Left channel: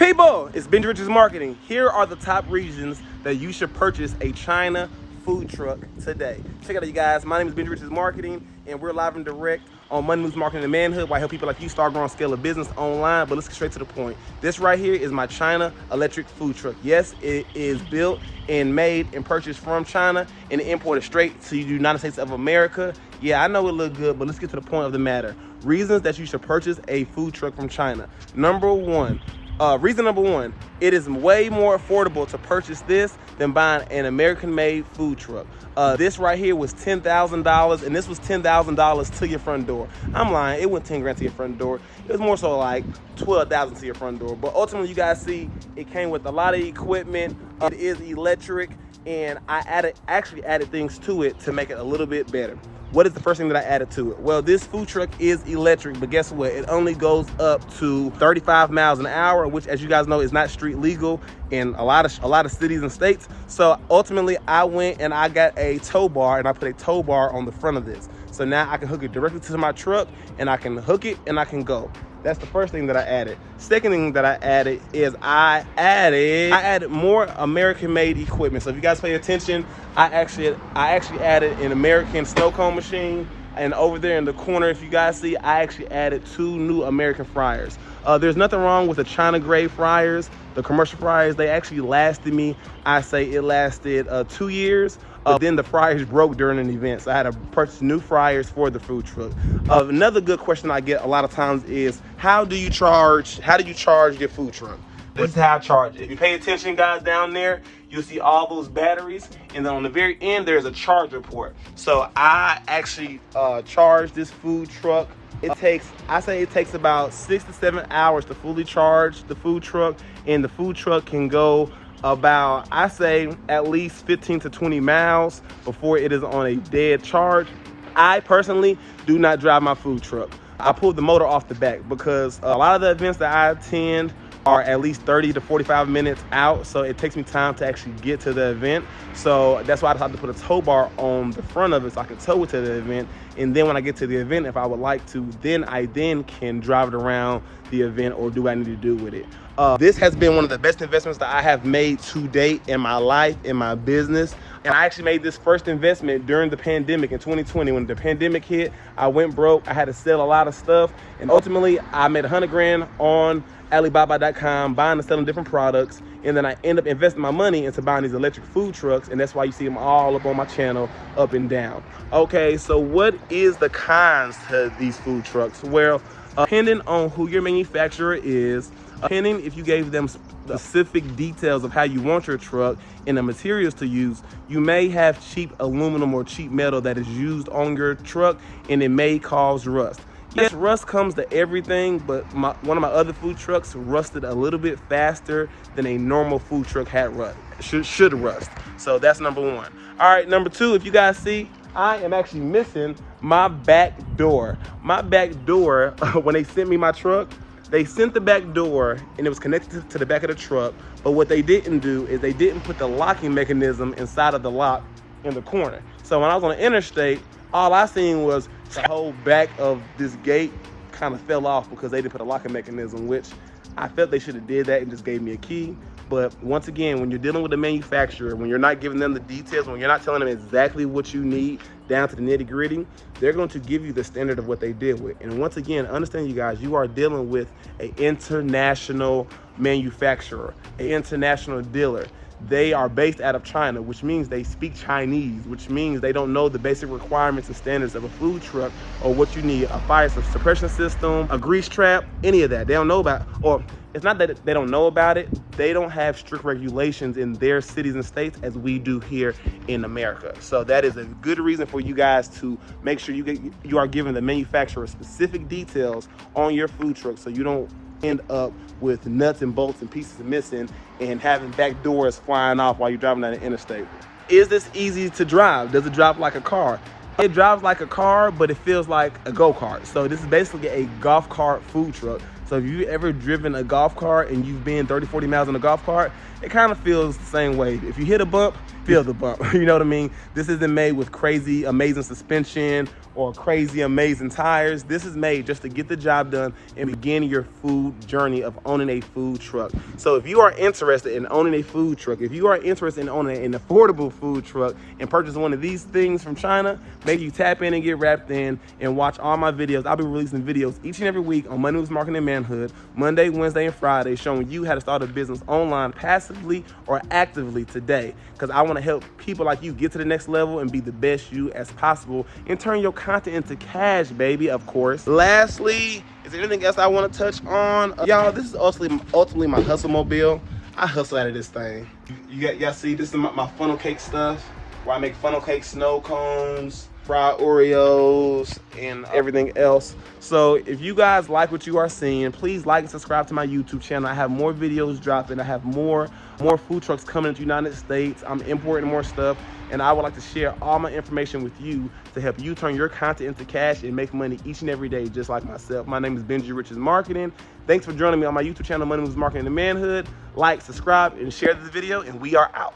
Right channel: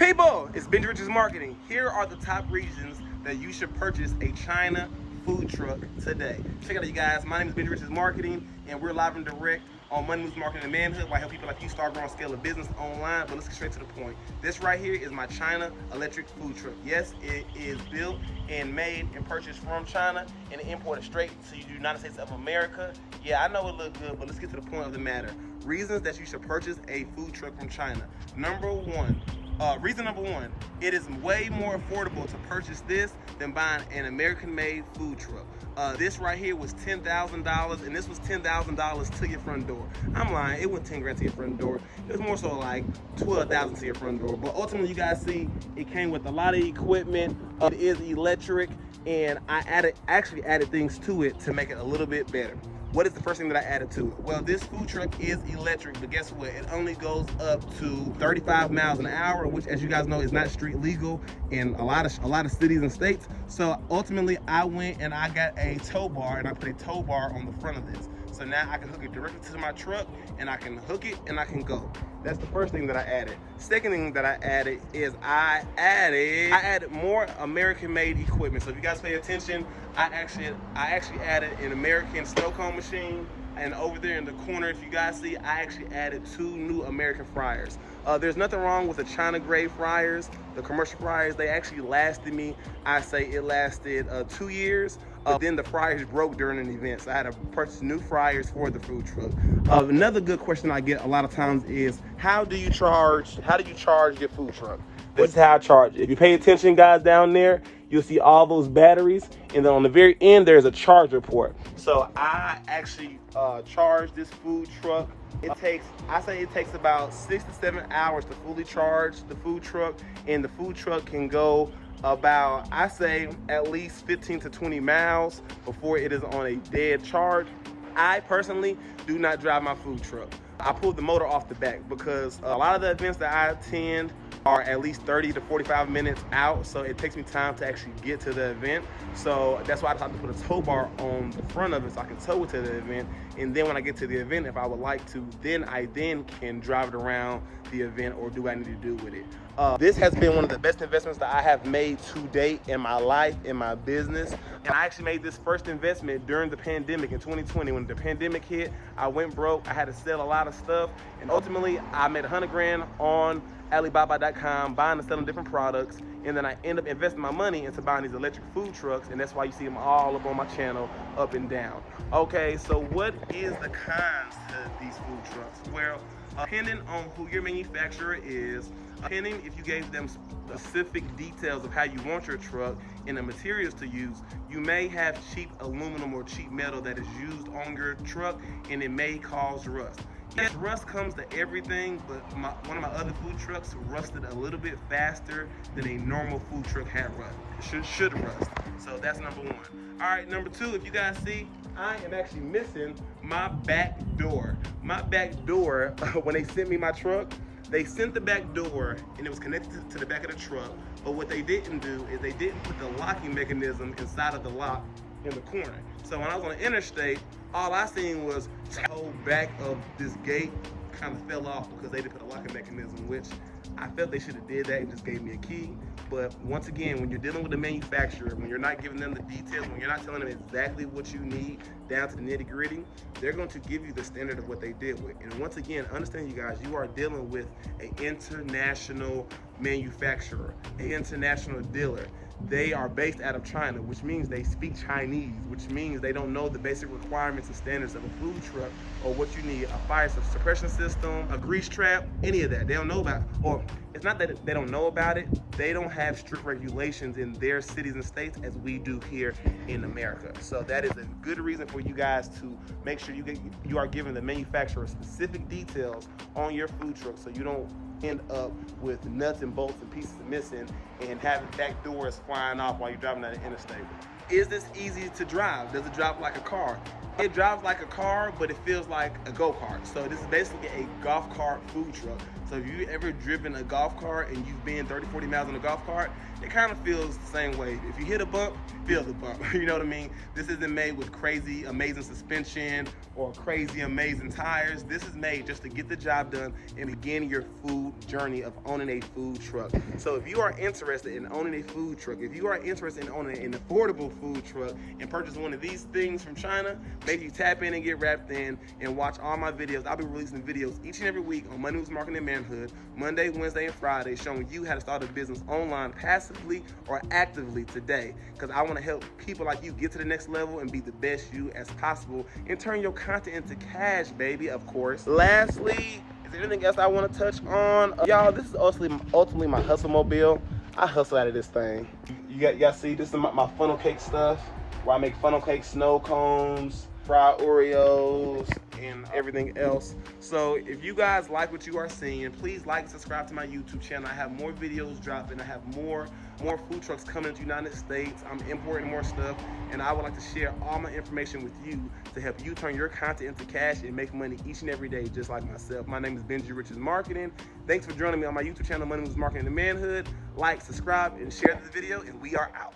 People, it's Benji Rich's Marketing. Here are the top reasons that you should purchase a China food truck today. Check it out, you guys. My name is Benji Rich's Marketing, and we're live and direct on Money Moves Marketing and Manhood, where I help people like you start growing, scale a business online. But let's get straight to the point. This right here is my China electric food truck. Yes, it is built and made and purchased from China and imported straight to the United States of America. Yeah, I know it look good, but let's get to the point of the matter. Reasons that you should purchase a food truck from China. Reason number one, it is way more affordable to purchase this than buying an American-made food truck. This right here was $10,000, and this was $10,000 to your front door. I'm lying, it went 10 grand to your front door. It was more so like 12,000 to your front door. But ultimately, you guys see, it came with a lot of equipment. It is electric, and I actually added things to it to make it a little bit better. What is the first thing that I added to it? Well, this food truck is electric, but guess what? It only goes up to 35 miles an hour, which, as you guys know, is not street legal in a lot of cities and states. So ultimately, I went and I got a tow bar, and I put a tow bar on the front of this. So now I can hook it directly to my truck, and I can hook it and I can go. That's the first thing that I added. Second thing that I added is I added more American-made equipment. So if you guys pay attention, I actually added an American snow cone machine, and over there in the corner, if you guys see, I actually added 2 new American fryers. There's nothing wrong with the China grade fryers, the commercial fryers. They actually lasted me, I say it lasted 2 years. Then the fryers broke during an event, so I had to purchase new fryers for the food truck. Another good question I get a lot of times is, how do you charge your food truck? This is how I charge it. If you pay attention, guys, down there, you'll see all those batteries, and then on the very end, there's a charge report. So I actually charge this food truck. I say it takes about 6 to 7 hours to fully charge the food truck, and the food truck can go about, I say, at least 15 to 20 miles before it is on a dead charge. I personally do not drive my food truck. I pull the motor off the back because a lot of the events that I attend are at least 30 to 45 minutes out, so it takes me time to actually get to the event. So that's why I decided to put a tow bar on the front of it so I can tow it to the event, and then when I get to the event, if I would like to, then I can drive it around the event or do what I need to do with it. This has been one of the best investments that I have made to date in my life, in my business. And I actually made this first investment during the pandemic in 2020. When the pandemic hit, I went broke. I had to sell a lot of stuff. And ultimately, I made 100 grand on Alibaba.com, buying and selling different products. And then I end up investing my money into buying these electric food trucks. And that's why you see them all up on my channel, up and down. Okay, so what is the cons to these food trucks? Well, depending on who your manufacturer is, depending if you gave them specific details of how you want your truck and the materials to use, you may have cheap aluminum or cheap metal that is used on your truck, and it may cause rust. Yes, rust comes to everything, but one of my other food trucks rusted a little bit faster than a normal food truck should rust. So that's number one. All right, number two, if you guys see, I am actually missing my back door. My back door, when they sent me my truck, they sent the back door and it was connected to the back of the truck, but what they didn't do is they didn't put the locking mechanism inside of the lock in the corner. So when I was on the interstate, all I seen was the whole back of this gate kind of fell off because they didn't put a locking mechanism, which I felt they should have did that and just gave me a key. But once again, when you're dealing with a manufacturer, when you're not giving them the details, when you're not telling them exactly what you need down to the nitty gritty, they're going to give you the standard of what they deal with. And once again, understand, you guys, you are dealing with an international manufacturer, an international dealer. They are based out of China, which means they speak Chinese, which means they don't know the basic requirements and standards of a food truck or what you need, a fire suppression system, a grease trap, any of that. They don't know about, or it's not that they don't know about it, they don't have strict regulations in their cities and states as we do here in America. So that is a good reason for you guys to make sure you are giving the manufacturer specific details on your food truck, so you don't end up with nuts and bolts and pieces missing and having back doors flying off while you're driving down the interstate. Is this easy to drive? Does it drive like a car? It drives like a car, but it feels like a go-kart. So this is basically a golf cart food truck. So if you've ever driven a golf cart and you've been 30, 40 miles on a golf cart, it kind of feels the same way. If you hit a bump, feel the bump. You know what I mean? This isn't made with crazy, amazing suspension or crazy, amazing tires. This is made just to get the job done and begin your food journey of owning a food truck. So if you are interested in owning a food truck, if you are interested in owning an affordable food truck and purchase one of these things from China, maybe you tap in and get wrapped in and watch all my videos. I'll be releasing videos each and every week on Money Moves Marketing and Manhood, Monday, Wednesday, and Friday, showing you how to start a business online passively or actively today. Because I want to help people like you get to the next level and be the best you as possible and turn your content into cash, baby, of course. Lastly, is there anything else I want to touch on? Y'all, this is ultimately my hustle mobile. I hustle out of this thing. Y'all see, this is my funnel cake stuff, where I make funnel cake snow cones, fried Oreos, and everything else. So if you guys like what you are seeing, please like and subscribe to my YouTube channel. I have more videos dropping. I have more food trucks coming to the United States. I'm importing more stuff, and I would like to share all my information with you to help you turn your content into cash and make money each and every day, just like myself. My name is Benji Rich's Marketing. Thanks for joining me on my YouTube channel, Money Moves Marketing and Manhood. Like, subscribe, and share this video, and we are out.